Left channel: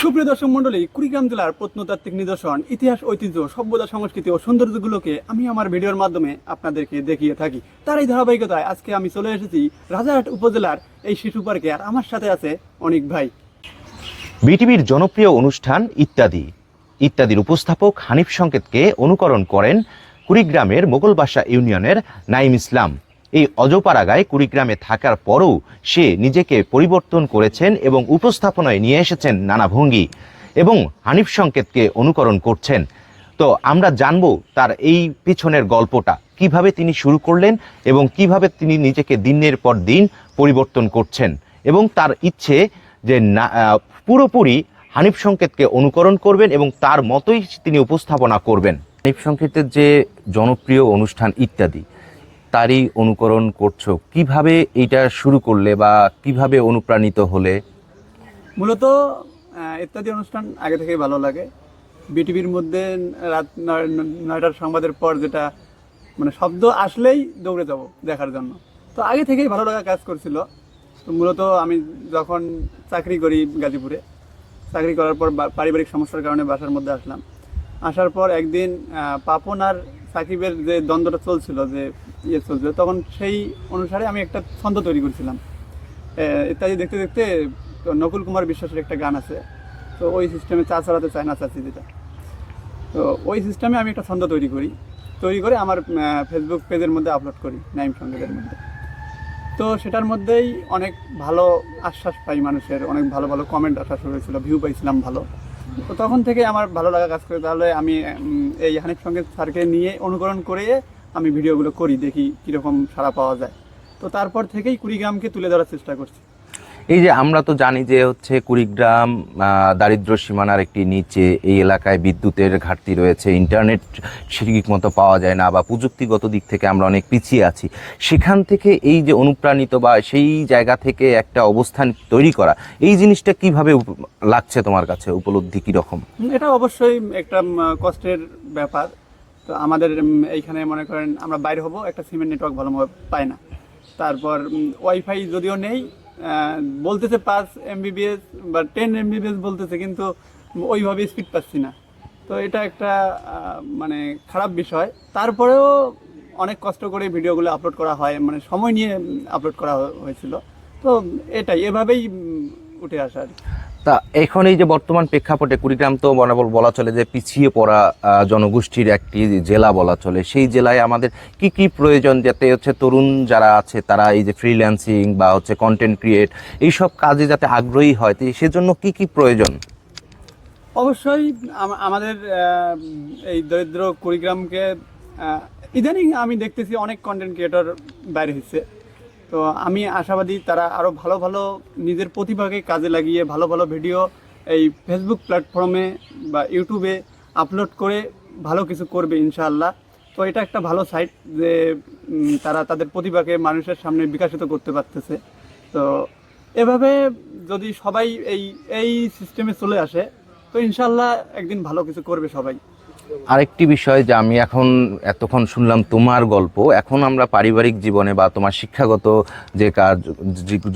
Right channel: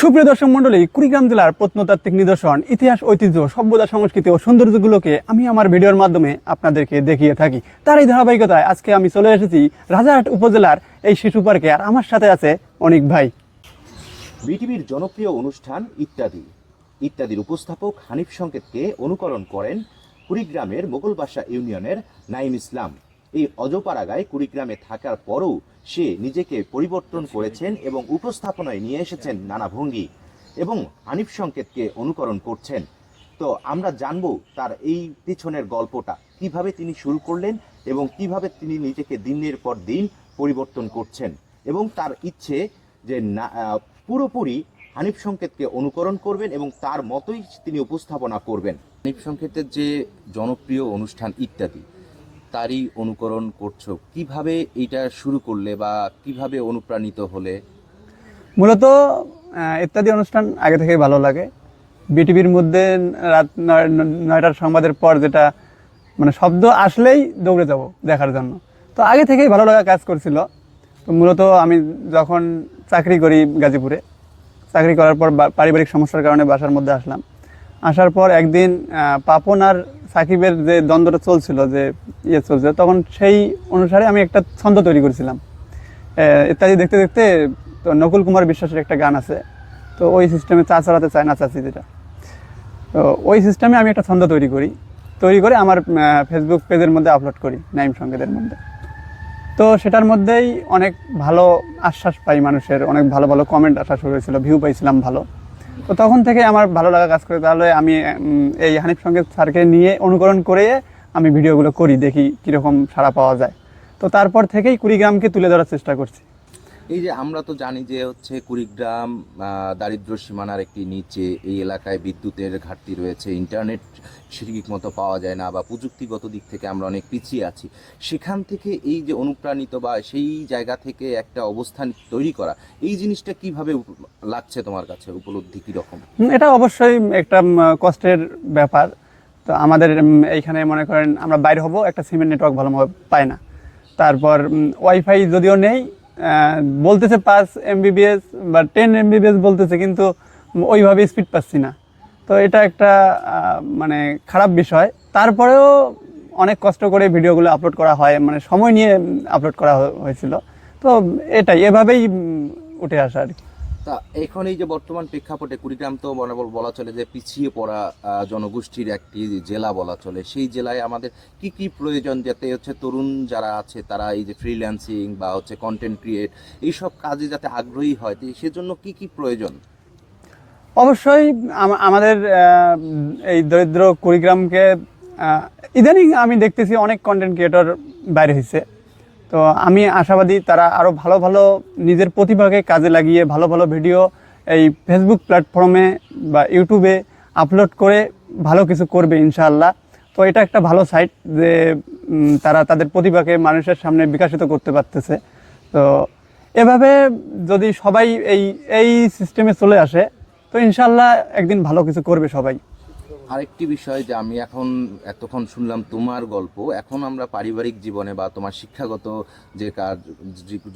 সুপ্রিয় দর্শক মন্ডলী কুড়িগ্রাম জেলার প্রত্নতাত্ত্বিক নিদর্শন ইতিহাস ঐতিহ্য সভ্যতা সংস্কৃতি ও সৌন্দর্যগুলোকে আমি আমার ভিডিওর মাধ্যমে আপনাদেরকে দেখিয়ে থাকি। তার এই ধারাবাহিকতায় আজকে আমি চলে এসেছি রাজারহাট উপজেলার এই শিশু পার্কে আর আমার সাথে আছে অনেক ভাই। বিটিভির জনপ্রিয় অনুষ্ঠান ইত্যাদি। ইত্যাদির উপস্থাপক হানিফ সংকেতকে অনুকরণ করেন কুড়িগ্রামের মোগলবাসা ইউনিয়নের নাইম ইসলাম। এই অজপাড়াগায় কুড়িগ্রামে থাকার পরও সে নিজেকে পরিবর্তন করেছেন এবং উপস্থাপনায় নিয়ে এসেছেন নানা ভঙ্গি এবং হানিফ সংকেতকে অনুকরণ করছেন। তো আমরা জানব তার এই পিছনের গল্পটা। কীভাবে তিনি শুরু করলেন এবং কীভাবে তিনি নিজেকে দিনের পর দিন পরিবর্তন করছেন এবং তার ইচ্ছে যে না পুরোপুরি হানিফ সংকেতকে অনুকরণ করবেন এবং তার মতোই তিনি উপস্থাপনা করবেন। হানিফ সংকেতের যে জনপ্রিয় অনুষ্ঠান ইত্যাদি তারই অনুকরণ করছ? কীভাবে এটা শুরু করলে বা কীভাবে অনুপ্রাণিত হলে? মূলত ইত্যাদি অনুষ্ঠান আগে থেকে ভালো লাগে। বিটিভির মধ্যে রাত নয়- নয়টার সংবাদের পর যেটা মানে শব্দ আসলেই দৌড়ে যাব দেখার জন্য। তো আগে থেকেই ভালো লাগা কাজ করছিল। তো মূলত আমি যখন চাকরি করি গাজীপুরে, চাকরি করার পর পারিবারিক সমস্যার কারণে বাসার মধ্যে আসলাম। আসার পর একদিন পাপন আর সাকিবের যে দ্বন্দ্বটা চলছিল যে ইয়ে চলছিল, তখন সেই অনুসারে আমি একটা ছন্দ তৈরি করেছিলাম। ইত্যাদি দেখতে দেখতে তো নকুল কুমার বিশ্বাসের একটা গান আছে, তো ওই সিস্টেমে চা চালাতে চায় না চাচি যেটা। তো ওই সিস্টেমে আমি একটা ছন্দ তৈরি করি, তৈরি করে আমার ফেসবুক পেজের মধ্যে আপলোড করি, নাইম সঙ্গীতের মধ্যে। তো সেটার মধ্যেই অনেক ভালো আশ্বাস পাই মানুষের, অনেক ভালো ভালো কমেন্ট আসা শুরু হয়েছিল ভিউ পাইছিলাম ভালো। তো তখন থেকে আমার ভালো লাগা কাজ করে, তাহলে আমি এই হানিফ সঙ্গে স্যারকে নিয়ে অনুকরণ করে আমি ভিডিওগুলো করি, দেখি কীরকম সাড়া পাওয়া যায়। তো তারপর থেকেই কুড়িগ্রামকে তুলে ধরার চেষ্টা করছি। এই যে আমরা তো জানি যে হচ্ছে কুড়িগ্রাম দারিদ্র সীমানার একটি নিচে এই এলাকায় বিদ্যুতের ঘাটতি রয়েছে, ইন্টারনেট ঠিক মতো পাওয়া যায় না বা প্রযুক্তিগত দিক থেকে আমরা অনেক পিছিয়ে আছি। সেখান থেকে এই যে অনুপ্রাণিত বা সেই জায়গা থেকে একটা অবস্থান তৈরি করা, এই জিনিসটা কীভাবে লাগছে তোমার কাছে? উপলব্ধি কীরকম? এটা অবশ্যই একটা কষ্টের ব্যাপার। তো আমাদের এইখানে মনে করেন আমরা বাইরে হব, একটা সিমেন্ট নেটওয়ার্ক ভালোভাবে পাই না। তারপর ওয়াইফাই যদিও নেই বলতেছে পাঁচ এমবিবিএস বা টেন এমবিবিএস বলতেছে, কিন্তু ওইভাবে স্পিড পাচ্ছি না। তো এটা একটা মানে খারাপ বিষয়। তারপরেও অনেক কষ্ট করে ভিডিওগুলো আপলোড করা হয় মানে সময় নিয়ে আপলোড করা হয়েছিল। তো এটাই, এভাবেই উঠে আসা আর কি। তা এখন এই যে বর্তমান প্রেক্ষাপটে কুড়িগ্রাম তো বরাবর বলা চলে যে পিছিয়ে পড়া জনগোষ্ঠীর একটি জেলা বলা চলে। সেই জেলায় আমাদের কি কি প্রয়োজন যাতে হচ্ছে তরুণ যারা আছে তারা এই যে ফ্রিল্যান্সিং বা হচ্ছে কন্টেন্ট ক্রিয়েট এইসব কাজে যাতে আগ্রহী হয় সেজন্য কি কি প্রয়োজন? অবশ্যই আমাদের এই দরিদ্র কুড়িগ্রামকে ইদানিং আমি দেখতেছি অনেক কন্টেন্ট ক্রিয়েটর বাইরে হয়েছে তো আমি আশাবাদী তারা আরও ভালো ভালো নিজের প্রতিভাকে কাজে লাগিয়ে ভালো ভালো ভিডিও এই ফেসবুক প্ল্যাটফর্মে বা ইউটিউবে আপলোড করে ভালো কিছু করবে ইনশাআল্লাহ। তো এটা একটা ভালো সাইট যে তারা তাদের প্রতিভাকে মানুষের সামনে বিকাশিত করতে পারতেছে। তো এভাবে যদি সবাই এই এই সিস্টেমে চলে আসে, তো ইনশাল্লাহ একদিন ভালো কিছু করবে সবাই। আরেকটি বিষয় যে আমি এখন এতক্ষণ শুনলাম তোমার গল্প, এখন আমরা পারিবারিক জীবনে বা তোমার শিক্ষাগত যে কাজ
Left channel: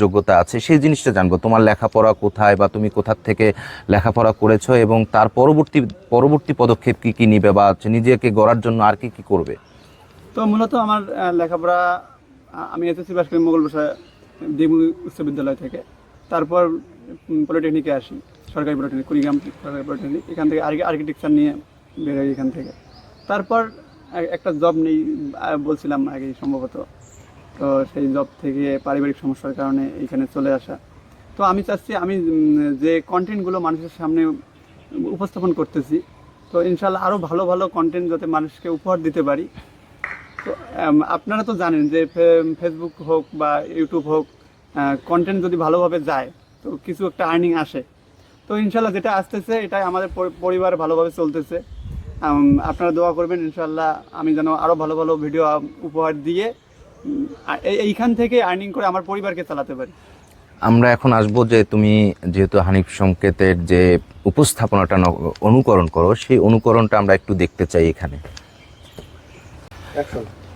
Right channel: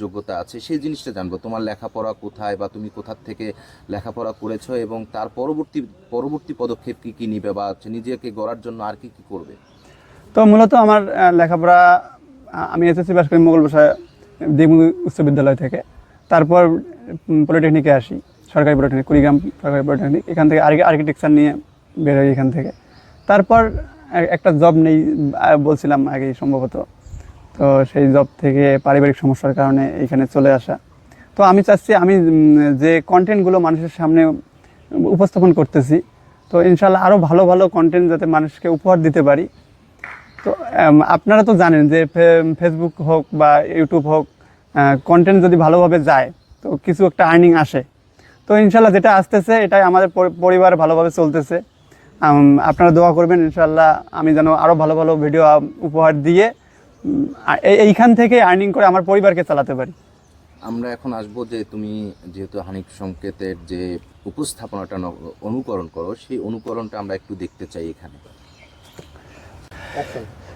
যোগ্যতা আছে, সেই জিনিসটা জানব। তোমার লেখাপড়া কোথায় বা তুমি কোথার থেকে লেখাপড়া করেছ এবং তার পরবর্তী পরবর্তী পদক্ষেপ কি কি নিবে বা নিজেকে গড়ার জন্য আর কি কি করবে? তো মূলত আমার লেখাপড়া আমি এসএসসি পাস করি মোগল ভাষা দেবু উচ্চ বিদ্যালয় থেকে। তারপর পলিটেকনিকে আসি, সরকারি পলিটেকনিক, কুড়িগ্রাম সরকারি পলিটেকনিক। এখান থেকে আর্কিটেকচার নিয়ে বের হই এখান থেকে। তারপর একটা জব নেই বলছিলাম আগে সম্ভবত। তো সেই জব থেকে পারিবারিক সমস্যার কারণে এখানে চলে আসা। তো আমি চাচ্ছি, আমি যে কন্টেন্টগুলো মানুষের সামনে উপস্থাপন করতেছি, তো ইনশাল্লাহ আরও ভালো ভালো কন্টেন্ট যাতে মানুষকে উপহার দিতে পারি। তো আপনারা তো জানেন যে ফেসবুক হোক বা ইউটিউব হোক কন্টেন্ট যদি ভালোভাবে যায়, তো কিছু একটা আর্নিং আসে। তো ইনশাল্লাহ যেটা আসতেছে, এটাই আমাদের পরিবার ভালোভাবে চলতেছে। আপনারা দোয়া করবেন ইনশাল্লাহ আমি যেন আরও ভালো ভালো ভিডিও উপহার দিয়ে এই- এইখান থেকে আর্নিং করে আমার পরিবারকে চালাতে পারি। আমরা এখন আসব যে তুমি যেহেতু হানিফ সংকেতের যে উপস্থাপনাটা ন- অনুকরণ করো সেই অনুকরণটা আমরা একটু দেখতে চাই এখানে।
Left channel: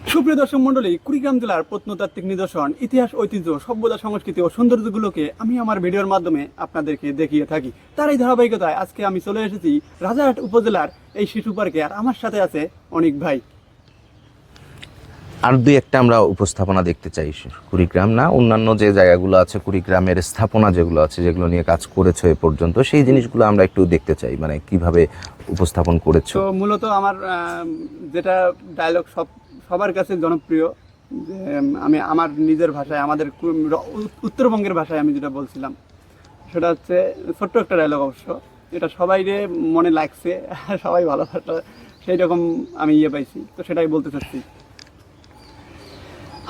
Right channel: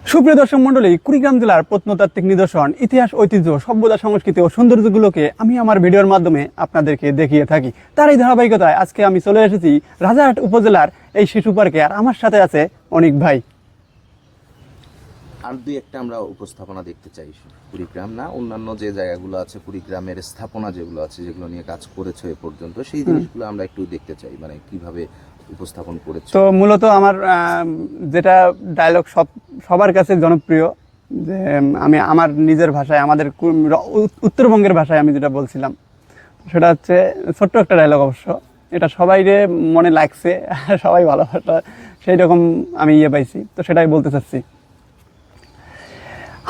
সুপ্রিয় দর্শক মন্ডলী কুড়িগ্রাম জেলার প্রত্নতাত্ত্বিক নিদর্শন ইতিহাস ঐতিহ্য সভ্যতা সংস্কৃতি ও সৌন্দর্যগুলোকে আমি আমার ভিডিওর মাধ্যমে আপনাদেরকে দেখিয়ে থাকি। তার এই ধারাবাহিকতায় আজকে আমি চলে এসেছি রাজারহাট উপজেলার এই শিশু পার্কে আর আমার সাথে আছে অনেক ভাই। আর দুই একটা আমরা উপস্থাপনা দেখতে চাই কুড়িগ্রাম না অন্যান্য যে জায়গাগুলো আছে কুড়িগ্রামের স্থাপনা যেগুলো আছে যেগুলো নিয়ে কাজ করেছ এ পর্যন্ত সেই জিনিসগুলো আমরা একটু দেখতে চাই মানে কীভাবে উপস্থাপন করেছ? তো মূলত আমার যেটা ডায়লগ সব সবার কাছে জনপ্রিয়, যে আমি আমার নিজের ভাষায়, আমাদের উত্তরবঙ্গের ভাষায় আমি যেটা বলছিলাম, সেটা হচ্ছে ছোট্ট একটা ডায়লগ অবশ্য। এটা সবাই রে মনে লাগছে, সবাই ভালোবাসা, সেই রকম আমি ইয়ে পাইছি। তো সেটাই বলতে চাচ্ছি।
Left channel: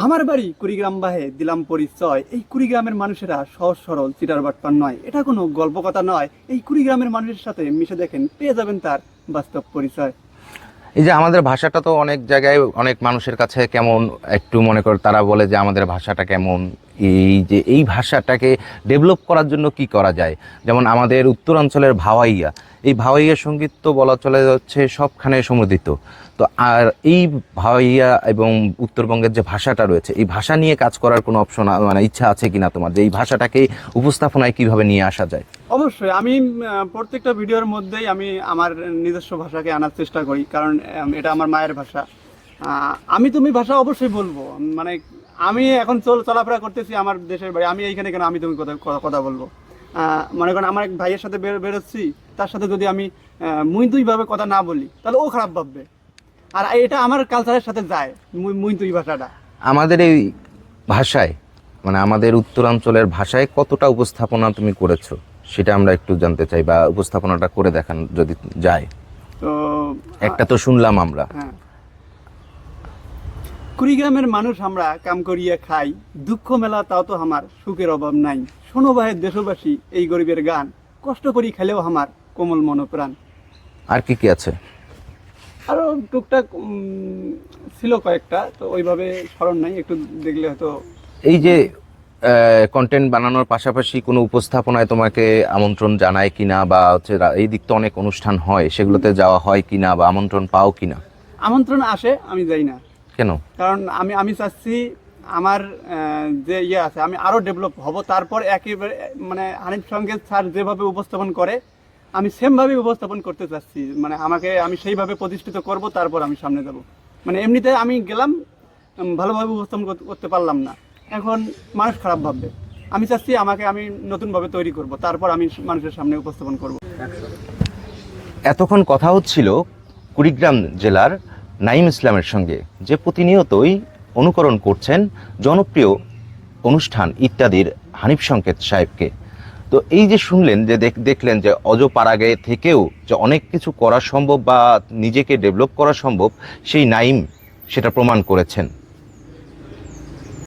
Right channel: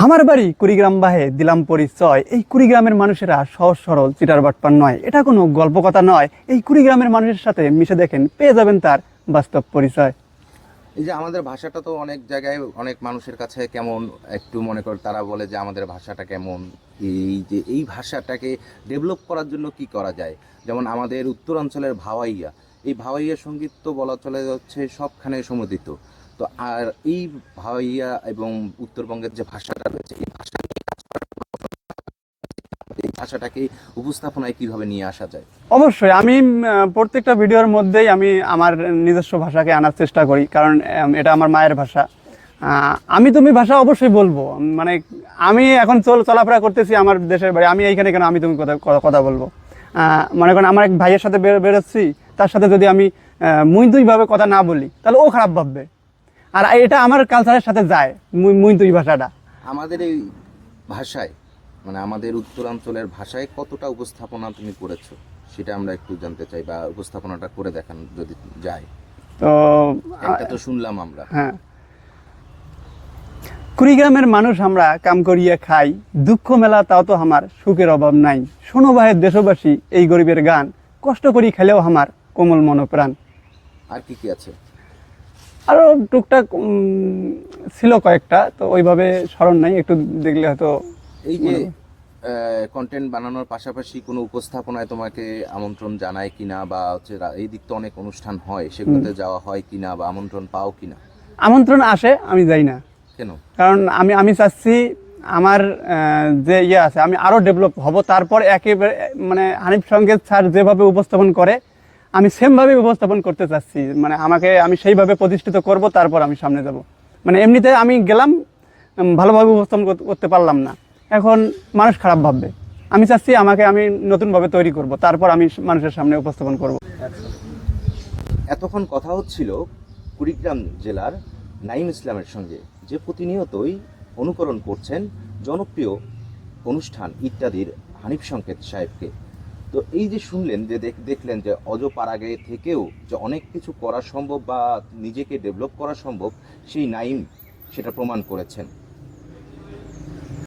আমার বাড়ি কুড়িগ্রাম বাহে দিলাম পরিচয় এই কুড়িগ্রামের মানুষেরা সহজ সরল, চিটার বাটপার নয়। এটা কোনো গল্প কথা নয়। এই কুড়িগ্রামের মানুষের সাথে মিশে দেখেন, পেয়ে যাবেন তার বাস্তব পরিচয়। এই যে আমাদের ভাষাটা তো অনেক জায়গায় অনেক মানুষের কাছে কেমন একটু মনে কর তারা বলে যে আমাদের ভাষাটা কেমন। এই যে এই ভাষাটাকে ডেভেলপ করার জন্য কি করা যায়? যেমন আমাদের উত্তরাঞ্চলের ভাওয়াইয়া। এই ভাওয়াইয়া সংগীত তো বলা চলে যাচ্ছে সবখানে সমুদিত তো আর এই ভাইয়া এবং উত্তরবঙ্গের যে ভাষাটা রয়েছে, এই ভাষা নিয়ে কাজ করার কোনো অপশন মানে ইচ্ছা আছে কিনা তোমার? যে এই ভাষাটাকে উপস্থাপনায় কীভাবে নিয়ে আসা যায়? অবশ্যই। আমি প্রত্যেকটা ভিডিওর মধ্যেই আমি আমার নিজস্ব ভাষাকে আনার চেষ্টা করি। কারণ এটা আমার মায়ের ভাষা। আমি তুমি ভাষা অবশ্যই বলব। মানে আমি এখন চল, চলাফেরা করতেছি আমার দেশের বাড়ি। আমি এইখানে কেন আমি তুমি কথা, কথা- বলব? মনে করেন আমার এক ভাইয়ের সাথে বেরোচ্ছি। তার সাথে যদি আমি মুই তুই ভাবে কথা না বলি, তাহলে ও খারাপ ভাববে। আর এটা আমার কালচারের সাথে যায় মুই মুই ভাষাটা। আমাদের এই ভাষায় মানে আমাদের উত্তরাঞ্চলের ভাষায় কতটা উপস্থাপনা তুমি করেছ সেটা আমরা একটু জানতে চাই বা উপস্থাপনাটা করে দেখান যদি যায়। তো একটা তো শুনলাম আমরা। হ্যাঁ। কুড়িগ্রামের মানুষ আমরা কাম করিয়া খাই দুঃখ মেলা তাও তো আমার সুখের অভাব নাই। শোনো ভাইয়ের দেশবাসী এই গরিবের গান কষ্ট করি খেলেও আমার কোমল মনোপ্রাণ। আর কি কি আছে? আরও টুকটাক ছিল কয়েকটা তো ওইভাবে স্মরণ নাই একটু দেখলে হয়তো এই যে কন্টেন্ট বানানোর পাশাপাশি কোনো উপস্থাপনায় তোমাকে আমন্ত্রণ জানায় কিনা বা হচ্ছে এই দিক তো অনেক অনুষ্ঠান হয় সেগুলোতে যাওয়া হয় কিনা বা আমন্ত্রণ পাও কিনা? আমন্ত্রণ আসে আমি যাই না। কেন? কারণ আমি আমি চাচ্ছি আমার যে ইয়ে আছে আমি আরও ডেভেলপ হব তারপর একেবারে মানে হানিফ সঙ্গে স্যার যেভাবে উপস্থাপন করে আমি সেম ভাবে উপস্থাপন করতে চাচ্ছি। মানে আমাকে আমি সেইভাবে প্রতিষ্ঠিত করব, তারপর আমি সামনে যাব। মানে এমনিতে আমি গেলাম ভালোভাবে উপস্থাপন করতে পারলাম না। এখন মানুষ খারাপ ভাববে। আমি চাচ্ছি আমাকে আমি নতুনভাবে তৈরি করব, তারপর আমি মানুষের সামনে উপস্থাপন করব। এতক্ষণ কথা হচ্ছিল কুড়িগ্রাম জেলার নাইম ইসলামের সঙ্গে, যে প্রতিনিয়তই অনুকরণ করছেন জনপ্রিয় অনুষ্ঠান ইত্যাদির হানিফ সংকেত সাহেবকে। তো এই যে শুনলেন যে দেখ- দেখলেন যে অজ অজপাড়াগে থেকেও যে অনেক কিছু করা সম্ভব বা নিজেকে ডেভেলপ করা সম্ভব, সেই নাইম সেটা প্রমাণ করেছেন।